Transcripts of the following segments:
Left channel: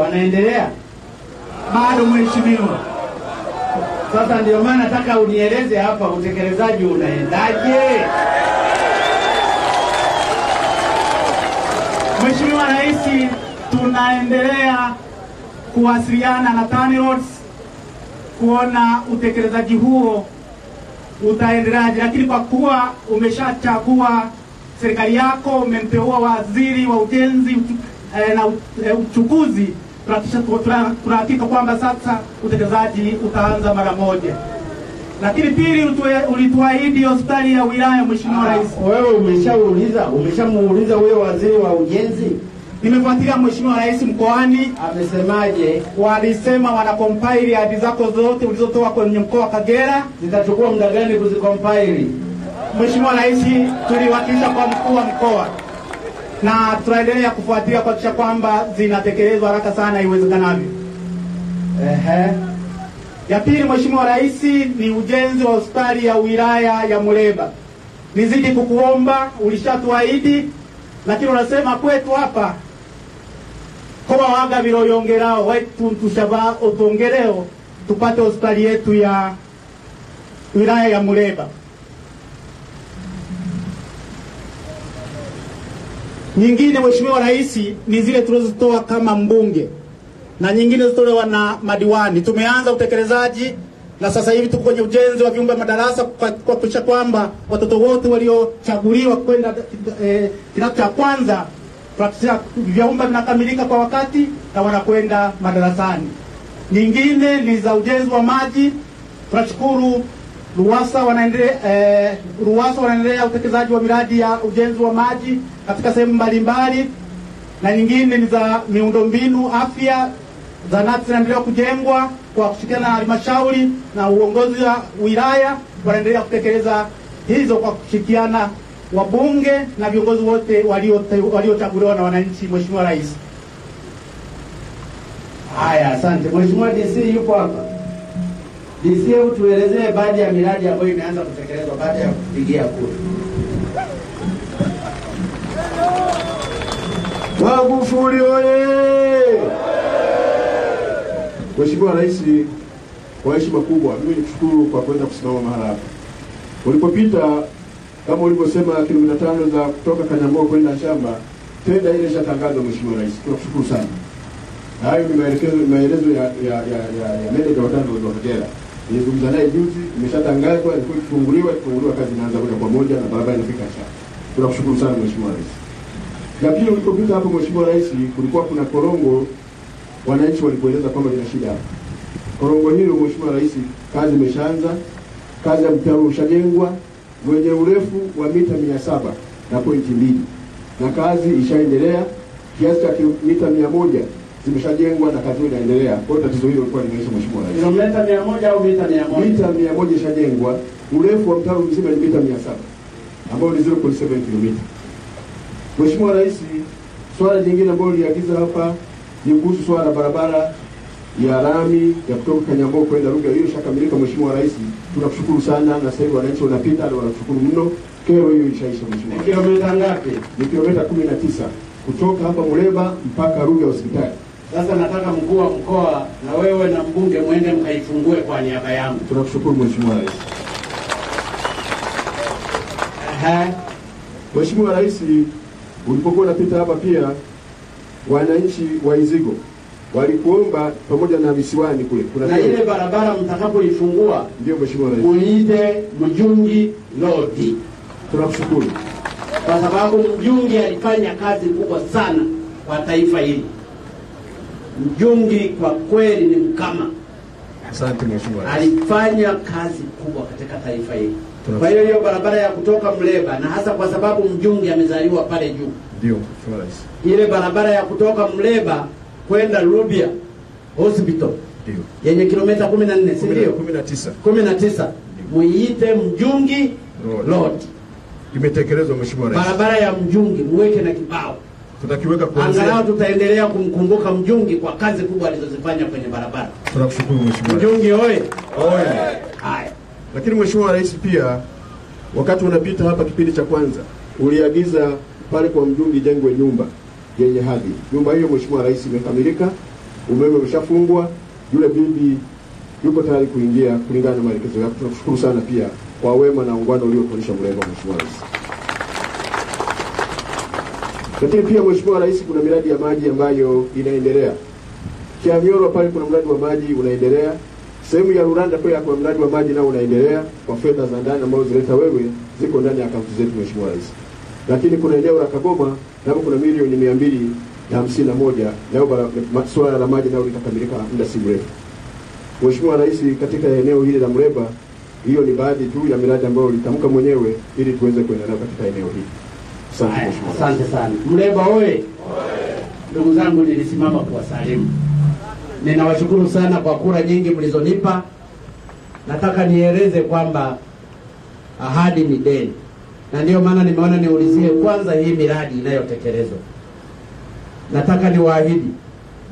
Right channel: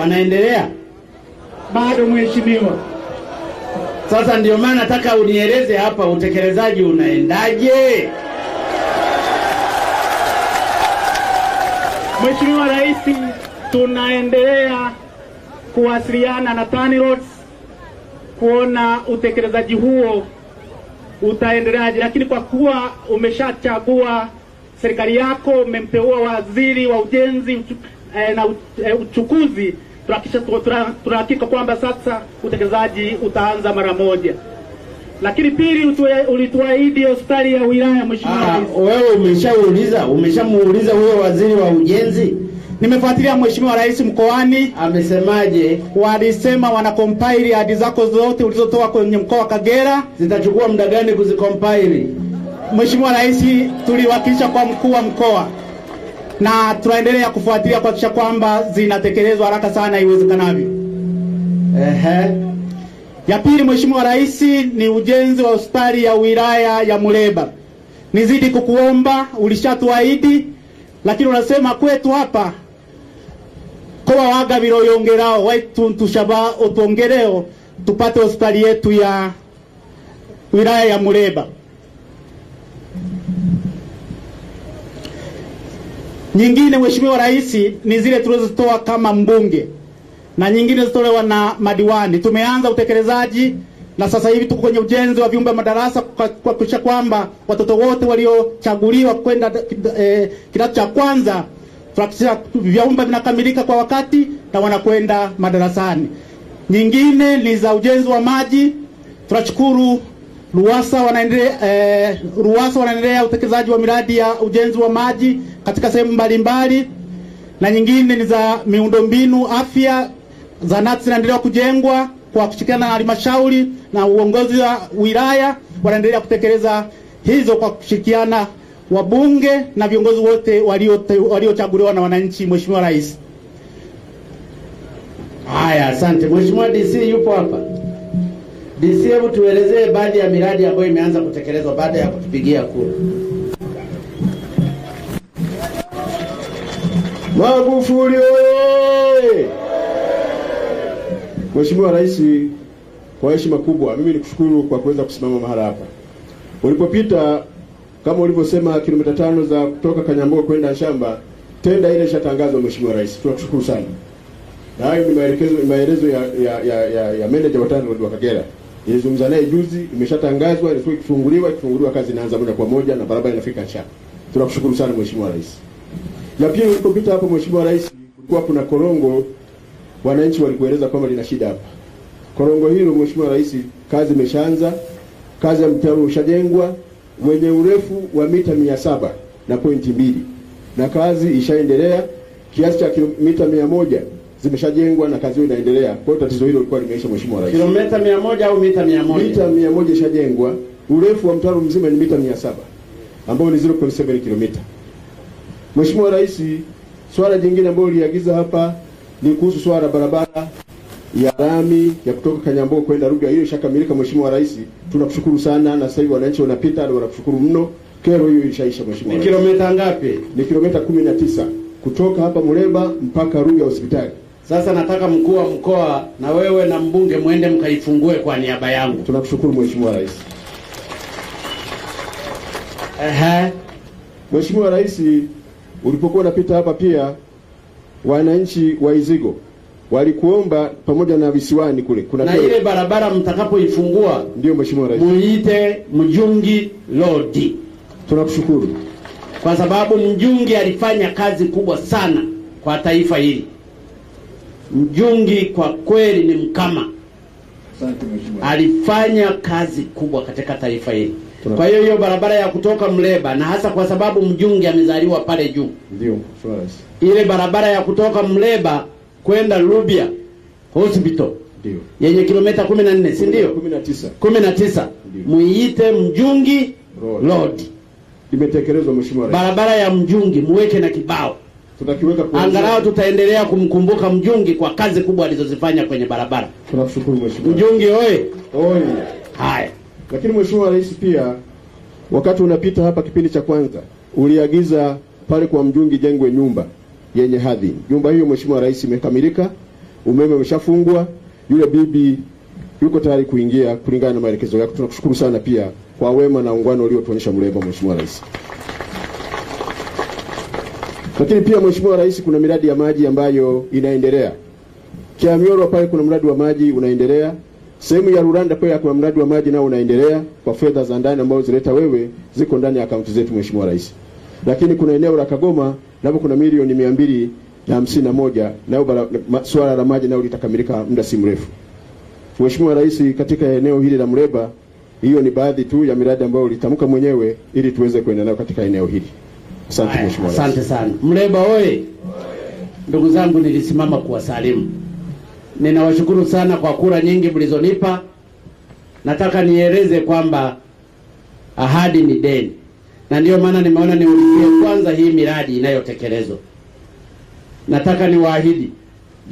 wanaendelea? Bado mheshimiwa. Sasa ndio maana nataka unieleze hapa utekelezaji unaendaje? Mheshimiwa Rais, tunaendelea kuwasiliana na TANROADS kuona utekelezaji huo utaendeleaje, lakini kwa kuwa umeshachagua serikali yako, umemteua waziri wa ujenzi na uchukuzi, tunahakika kwamba sasa utekelezaji utaanza mara moja. Lakini pili, ulituahidi hospitali ya wilaya Mheshimiwa Rais. Wewe umeshamuuliza huyo waziri wa ujenzi? Nimefuatilia Mheshimiwa Rais mkoani. Amesemaje? Walisema wana compile hadi zako zote ulizotoa kwenye mkoa wa Kagera. Zitachukua muda gani kuzicompile? Mheshimiwa Rais, tuliwakilisha kwa mkuu wa mkoa na tunaendelea kufuatilia kuhakikisha kwamba zinatekelezwa haraka sana iwezekanavyo. Ya pili Mheshimiwa Rais, ni ujenzi wa hospitali ya wilaya ya Muleba. Nizidi kukuomba, ulishatuahidi, lakini unasema kwetu hapa kwa waga biroyongerao waitu tushaba utongereo tupate hospitali yetu ya wilaya ya Muleba. Nyingine Mheshimiwa Rais ni zile tulizotoa kama mbunge na nyingine zitolewa na madiwani. Tumeanza utekelezaji na sasa hivi tuko kwenye ujenzi wa vyumba madarasa kwa kuhakikisha kwamba watoto wote waliochaguliwa kwenda kidato cha kwanza tunahakikisha vyumba vinakamilika kwa wakati na wanakwenda madarasani. Nyingine ni za ujenzi wa maji. Tunashukuru RUWASA wanaendelea utekelezaji wa miradi ya ujenzi wa maji katika sehemu mbalimbali, na nyingine ni za miundombinu afya. Zahanati zinaendelea kujengwa kwa kushirikiana na halmashauri na uongozi wa wilaya, wanaendelea kutekeleza hizo kwa kushirikiana wabunge na viongozi wote waliochaguliwa na wananchi. Mheshimiwa Rais. Haya, asante. Mheshimiwa DC yupo hapa. DC, hebu tuelezee baadhi ya miradi ambayo imeanza kutekelezwa baada ya kupigia kura. Magufuli oye! Mheshimiwa Rais, kwa heshima kubwa mimi nikushukuru kwa kuweza kusimama mahali hapa. Ulipopita kama ulivyosema kilomita 5 za kutoka Kanyambo kwenda shamba, tenda ile ishatangazwa Mheshimiwa Rais. Tunakushukuru sana. Na hayo ni maelezo ya manager wa TANROADS wa Kagera. Nilizungumza naye juzi, imeshatangazwa, ilikuwa ikifunguliwa kazi inaanza moja kwa moja na barabara inafika shamba. Tunakushukuru sana Mheshimiwa Rais. Na pia ulipopita hapo Mheshimiwa Rais, kulikuwa kuna korongo wananchi walikueleza kwamba lina shida hapa. Korongo hilo Mheshimiwa Rais, kazi imeshaanza, kazi ya mtaro ushajengwa mwenye urefu wa mita 700.2 na kazi ishaendelea, kiasi cha mita 100 zimeshajengwa na kazi hiyo inaendelea. Kwa hiyo tatizo hilo lilikuwa limeisha Mheshimiwa Rais. Kilomita 100 au mita 100? Mita 100 ishajengwa, urefu wa mtaro mzima ni mita 700 ambao ni 0.7 km. Mheshimiwa Rais, swala jingine ambalo liagiza hapa ni kuhusu swala barabara ya lami ya kutoka Kanyambo kwenda Ruga. Hiyo ishakamilika Mheshimiwa Rais. Tunakushukuru sana na sasa hivi wananchi wanapita na wanakushukuru mno. Kero hiyo ishaisha Mheshimiwa. Ni kilomita ngapi? Ni kilomita 19 kutoka hapa Muleba mpaka Ruga hospitali. Sasa nataka mkuu wa mkoa na wewe na mbunge muende mkaifungue kwa niaba yangu. Tunakushukuru Mheshimiwa Rais. Mheshimiwa Rais, ulipokuwa unapita hapa pia wananchi wa Izigo walikuomba pamoja na visiwani kule. Kuna na ile barabara mtakapoifungua ndio Mheshimiwa Rais, muite Mjungi Road. Tunakushukuru kwa sababu Mjungi alifanya kazi kubwa sana kwa taifa hili. Mjungi kwa kweli ni mkama. Asante Mheshimiwa. Alifanya kazi kubwa katika taifa hili. Kwa hiyo barabara ya kutoka Muleba, na hasa kwa sababu Mjungi amezaliwa pale juu. Ndio Mheshimiwa Rais. Ile barabara ya kutoka Muleba kwenda Rubia Hospital. Ndio. Yenye kilomita 14, si ndio? 19. Muite Mjungi Road. Imetekelezwa Mheshimiwa Rais. Barabara ya Mjungi muweke na kibao. Tutakiweka kwa angalau tutaendelea kumkumbuka Mjungi kwa kazi kubwa alizozifanya kwenye barabara. Tunashukuru Mheshimiwa. Mjungi oye. Oye. Haya. Lakini Mheshimiwa Rais pia wakati unapita hapa kipindi cha kwanza uliagiza pale kwa Mjungi jengwe nyumba yenye hadhi. Nyumba hiyo Mheshimiwa Rais imekamilika umeme umeshafungwa, yule bibi yuko tayari kuingia kulingana na maelekezo yako. Tunakushukuru sana pia kwa wema na ungano uliotuonyesha Muleba, Mheshimiwa Rais. Lakini pia Mheshimiwa Rais, kuna miradi ya maji ambayo inaendelea. Kiamyorwa pale kuna mradi wa maji unaendelea. Sehemu ya Ruranda pia kuna mradi wa maji nao unaendelea kwa fedha za ndani ambazo zileta wewe, ziko ndani ya akaunti zetu Mheshimiwa Rais. Lakini kuna eneo la Kagoma nao kuna milioni 251 nao masuala la maji nao litakamilika muda si mrefu. Mheshimiwa Rais, katika eneo hili la Muleba, hiyo ni baadhi tu ya miradi ambayo ulitamka mwenyewe ili tuweze kuendelea katika eneo hili. Asante Mheshimiwa Rais. Asante sana. Muleba oye. Ndugu zangu, nilisimama kuwasalimu. Ninawashukuru sana kwa kura nyingi mlizonipa. Nataka nieleze kwamba ahadi ni deni. Na ndio maana nimeona niulizie kwanza hii miradi inayotekelezwa. Nataka niwaahidi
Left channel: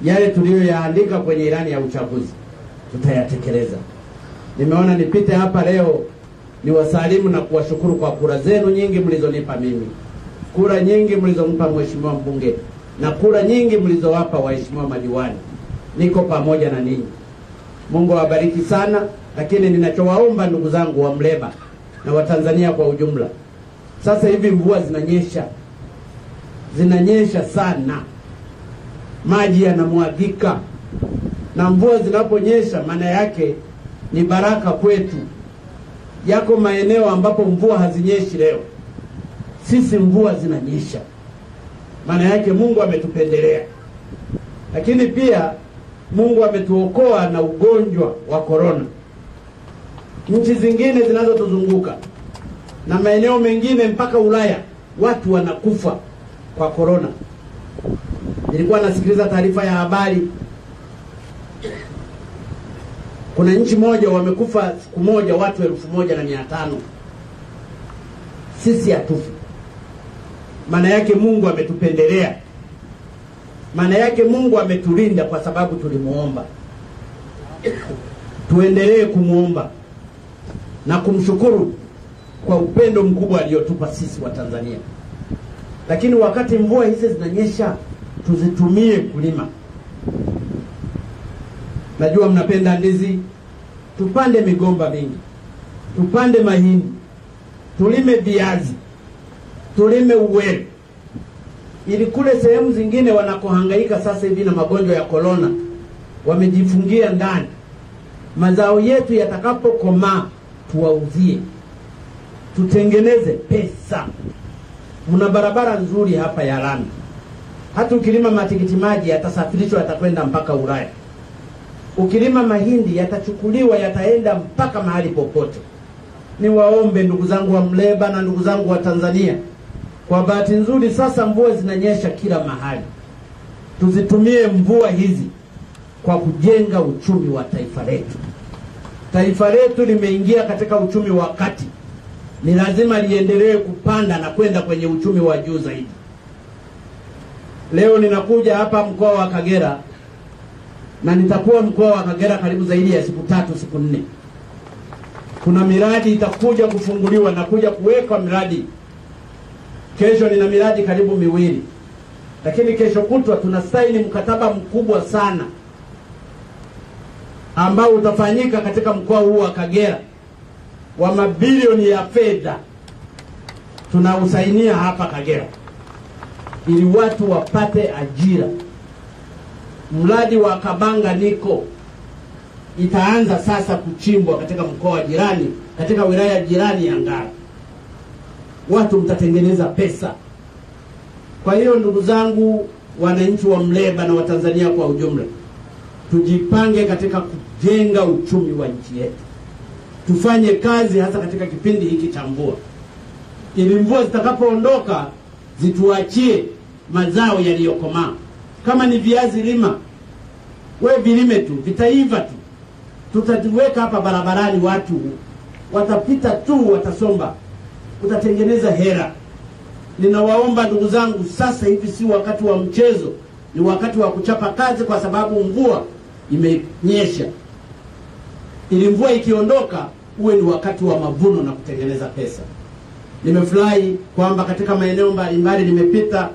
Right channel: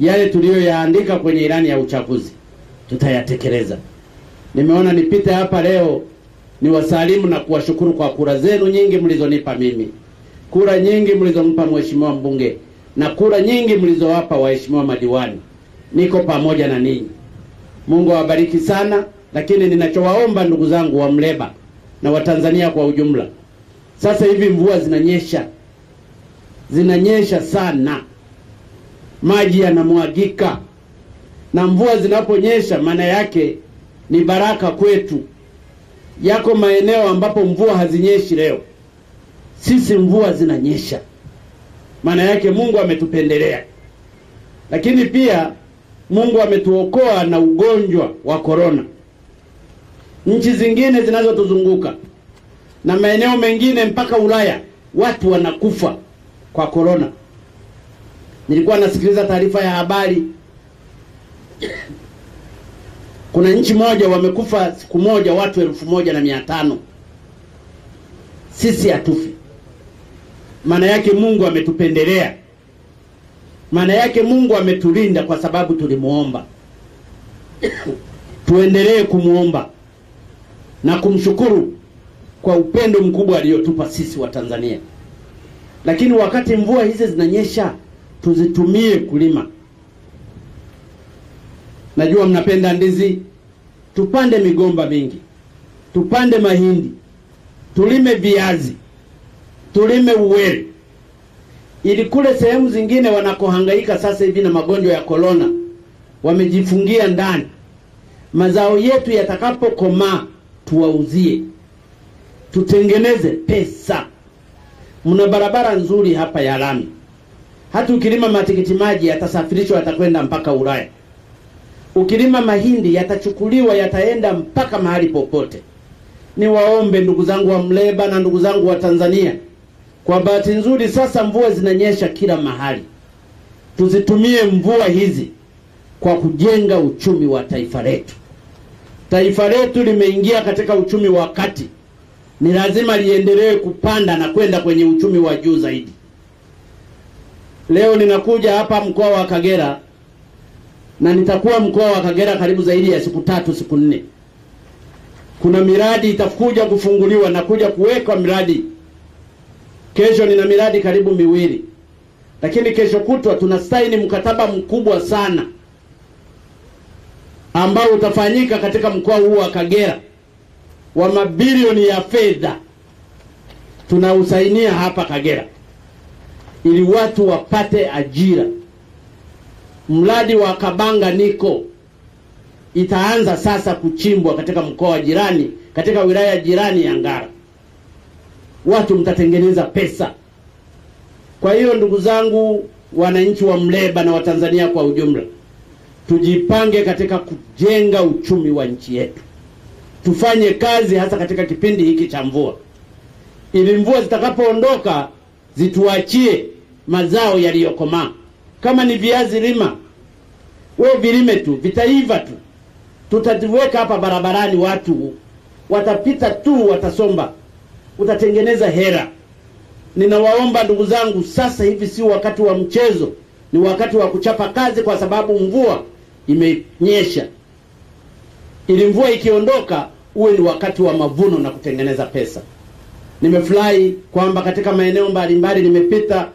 yale tuliyoyaandika kwenye ilani ya uchaguzi tutayatekeleza. Nimeona nipite hapa leo niwasalimu na kuwashukuru kwa kura zenu nyingi mlizonipa mimi. Kura nyingi mlizompa Mheshimiwa mbunge na kura nyingi mlizowapa waheshimiwa madiwani. Niko pamoja na ninyi. Mungu awabariki sana. Lakini ninachowaomba ndugu zangu wa Muleba na Watanzania kwa ujumla, sasa hivi mvua zinanyesha sana, maji yanamwagika, na mvua zinaponyesha maana yake ni baraka kwetu. Yako maeneo ambapo mvua hazinyeshi leo, sisi mvua zinanyesha, maana yake Mungu ametupendelea. Lakini pia Mungu ametuokoa na ugonjwa wa corona. Nchi zingine zinazotuzunguka na maeneo mengine mpaka Ulaya watu wanakufa kwa corona. Nilikuwa nasikiliza taarifa ya habari, kuna nchi moja wamekufa siku moja watu 1500. Sisi hatufi. Maana yake Mungu ametupendelea. Maana yake Mungu ametulinda kwa sababu tulimuomba. Tuendelee kumuomba na kumshukuru kwa upendo mkubwa aliotupa sisi wa Tanzania. Lakini wakati mvua hizi zinanyesha, tuzitumie kulima. Najua mnapenda ndizi, tupande migomba mingi, tupande mahindi, tulime viazi, tulime uwele. Ili kule sehemu zingine wanakohangaika sasa hivi na magonjwa ya corona, wamejifungia ndani. Mazao yetu yatakapokomaa tuwauzie, tutengeneze pesa. Mna barabara nzuri hapa ya lami. Hata ukilima matikiti maji yatasafirishwa yatakwenda mpaka Ulaya. Ukilima mahindi yatachukuliwa yataenda mpaka mahali popote. Niwaombe ndugu zangu wa Muleba na ndugu zangu wa Tanzania, kwa bahati nzuri sasa mvua zinanyesha kila mahali. Tuzitumie mvua hizi kwa kujenga uchumi wa taifa letu. Taifa letu limeingia katika uchumi wa kati. Ni lazima liendelee kupanda na kwenda kwenye uchumi wa juu zaidi. Leo ninakuja hapa mkoa wa Kagera, na nitakuwa mkoa wa Kagera karibu zaidi ya siku 3 siku 4. Kuna miradi itakuja kufunguliwa na kuja kuwekwa miradi. Kesho nina miradi karibu 2. Lakini kesho kutwa tunasaini mkataba mkubwa sana ambao utafanyika katika mkoa huu wa Kagera wa mabilioni ya fedha. Tunausainia hapa Kagera ili watu wapate ajira. Mradi wa Kabanga Niko itaanza sasa kuchimbwa katika mkoa wa jirani, katika wilaya jirani ya Ngara. Watu mtatengeneza pesa. Kwa hiyo ndugu zangu wananchi wa Muleba na Watanzania kwa ujumla, tujipange katika kujenga uchumi wa nchi yetu. Tufanye kazi hasa katika kipindi hiki cha mvua, ili mvua zitakapoondoka zituachie mazao yaliyokomaa. Kama ni viazi lima, wewe vilime tu, vitaiva tu. Tutaziweka hapa barabarani, watu watapita tu, watasomba, utatengeneza hera. Ninawaomba ndugu zangu, sasa hivi si wakati wa mchezo, ni wakati wa kuchapa kazi, kwa sababu mvua imenyesha. Ili mvua ikiondoka uwe ni wakati wa mavuno na kutengeneza pesa. Nimefurahi kwamba katika maeneo mbalimbali nimepita,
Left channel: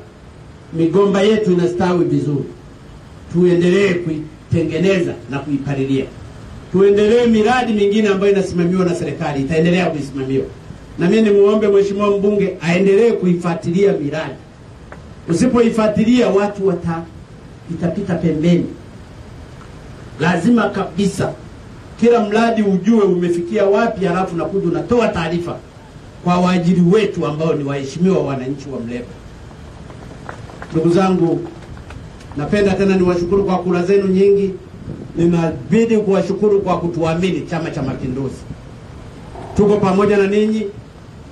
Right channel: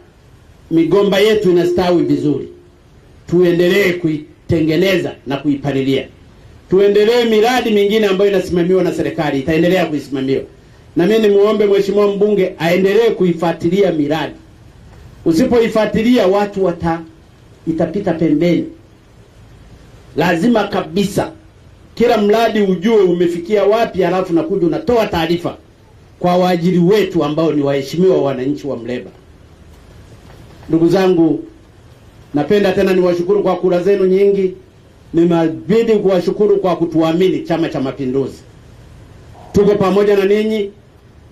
migomba yetu inastawi vizuri. tuendelee kuitengeneza na kuipalilia. Tuendelee miradi mingine ambayo inasimamiwa na serikali, itaendelea kuisimamiwa. Na mimi nimuombe mheshimiwa mbunge aendelee kuifuatilia miradi. Usipoifuatilia watu itapita pembeni. Lazima kabisa kila mradi ujue umefikia wapi, halafu nakuja unatoa taarifa kwa waajiri wetu ambao ni waheshimiwa wananchi wa Muleba. Ndugu zangu, napenda tena niwashukuru kwa kura zenu nyingi. Nimebidi kuwashukuru kwa kutuamini Chama cha Mapinduzi. Tuko pamoja na ninyi,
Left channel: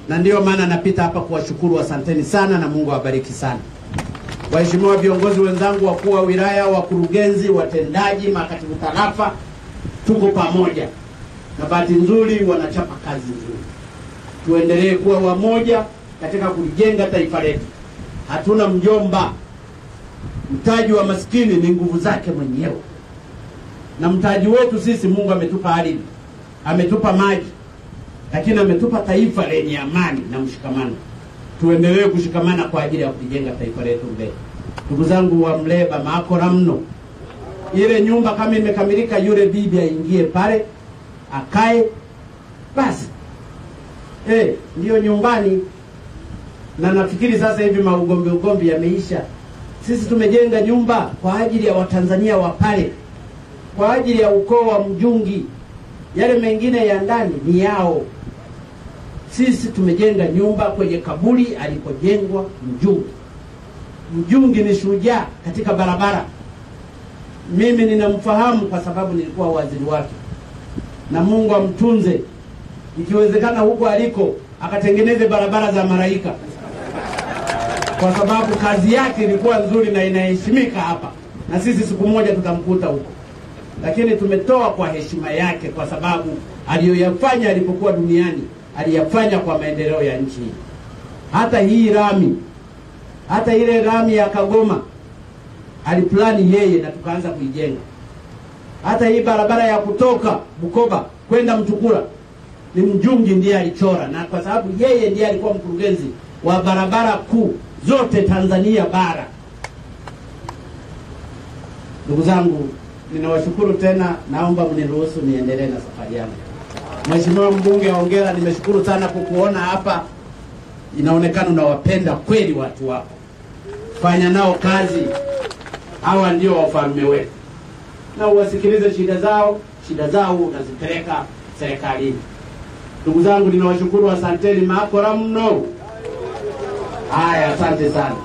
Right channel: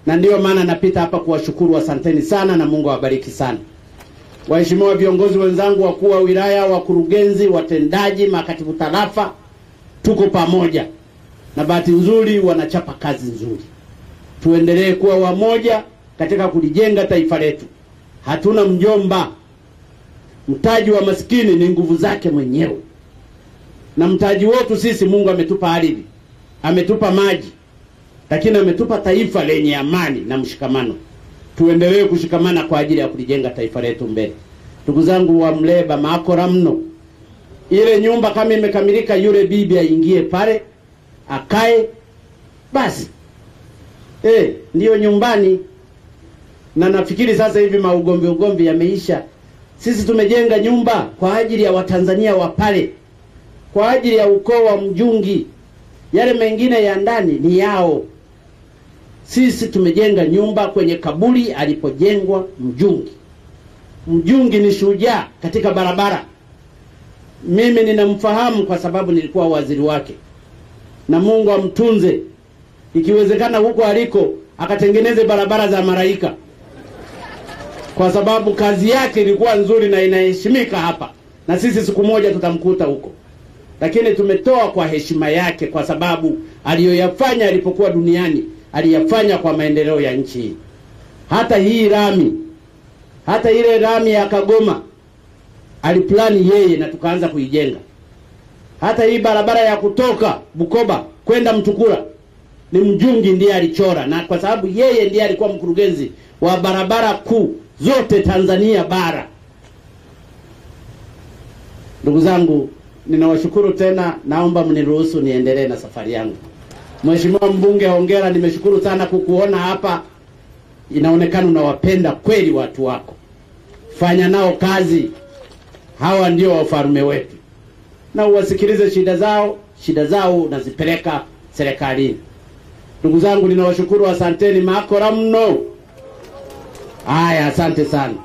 na ndiyo maana napita hapa kuwashukuru. Asanteni sana na Mungu awabariki sana. Waheshimiwa viongozi wenzangu, wakuu wa wilaya, wakurugenzi, watendaji, makatibu tarafa, tuko pamoja. Na bahati nzuri wanachapa kazi nzuri. Tuendelee kuwa wamoja katika kulijenga taifa letu. Hatuna mjomba. Mtaji wa maskini ni nguvu zake mwenyewe. Na mtaji wetu sisi, Mungu ametupa ardhi, ametupa maji, lakini ametupa taifa lenye amani na mshikamano. Tuendelee kushikamana kwa ajili ya kulijenga taifa letu mbele. Ndugu zangu wa Muleba, maakora mno. Ile nyumba kama imekamilika, yule bibi aingie pale, akae, basi. Ndiyo nyumbani. Na nafikiri sasa hivi ugomvi yameisha. Sisi tumejenga nyumba kwa ajili ya Watanzania wa pale, kwa ajili ya ukoo wa Mjungi. Yale mengine ya ndani ni yao. Sisi tumejenga nyumba kwenye kaburi alipojengwa Mjungi. Mjungi ni shujaa katika barabara. Mimi ninamfahamu kwa sababu nilikuwa waziri wake. Na Mungu amtunze. Ikiwezekana huko aliko akatengeneze barabara za malaika, kwa sababu kazi yake ilikuwa nzuri na inaheshimika hapa. Na sisi siku moja tutamkuta huko. Lakini tumetoa kwa heshima yake, kwa sababu aliyoyafanya alipokuwa duniani aliyafanya kwa maendeleo ya nchi. Hata hii lami, hata ile lami ya Kagoma aliplani yeye na tukaanza kuijenga. Hata hii barabara ya kutoka Bukoba kwenda Mtukula ni Mjungi ndiye alichora, na kwa sababu yeye ndiye alikuwa mkurugenzi wa barabara kuu zote Tanzania bara. Ndugu zangu, ninawashukuru tena, naomba mniruhusu niendelee na safari yangu. Mheshimiwa mbunge, hongera, nimeshukuru sana kukuona hapa. Inaonekana unawapenda kweli watu wako. Fanya nao kazi. Hawa ndio wafalme wetu. Na uwasikilize shida zao unazipeleka serikalini. Ndugu zangu, ninawashukuru, asanteni, maakora mno. Haya, asante sana.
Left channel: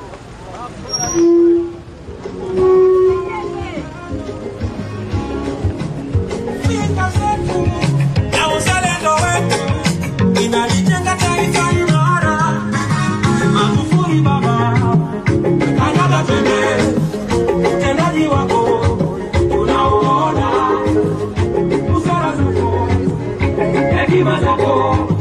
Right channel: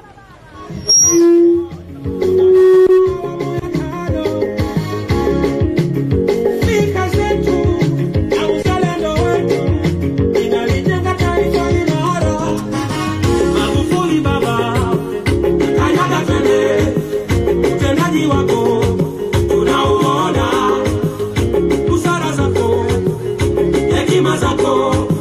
Wako,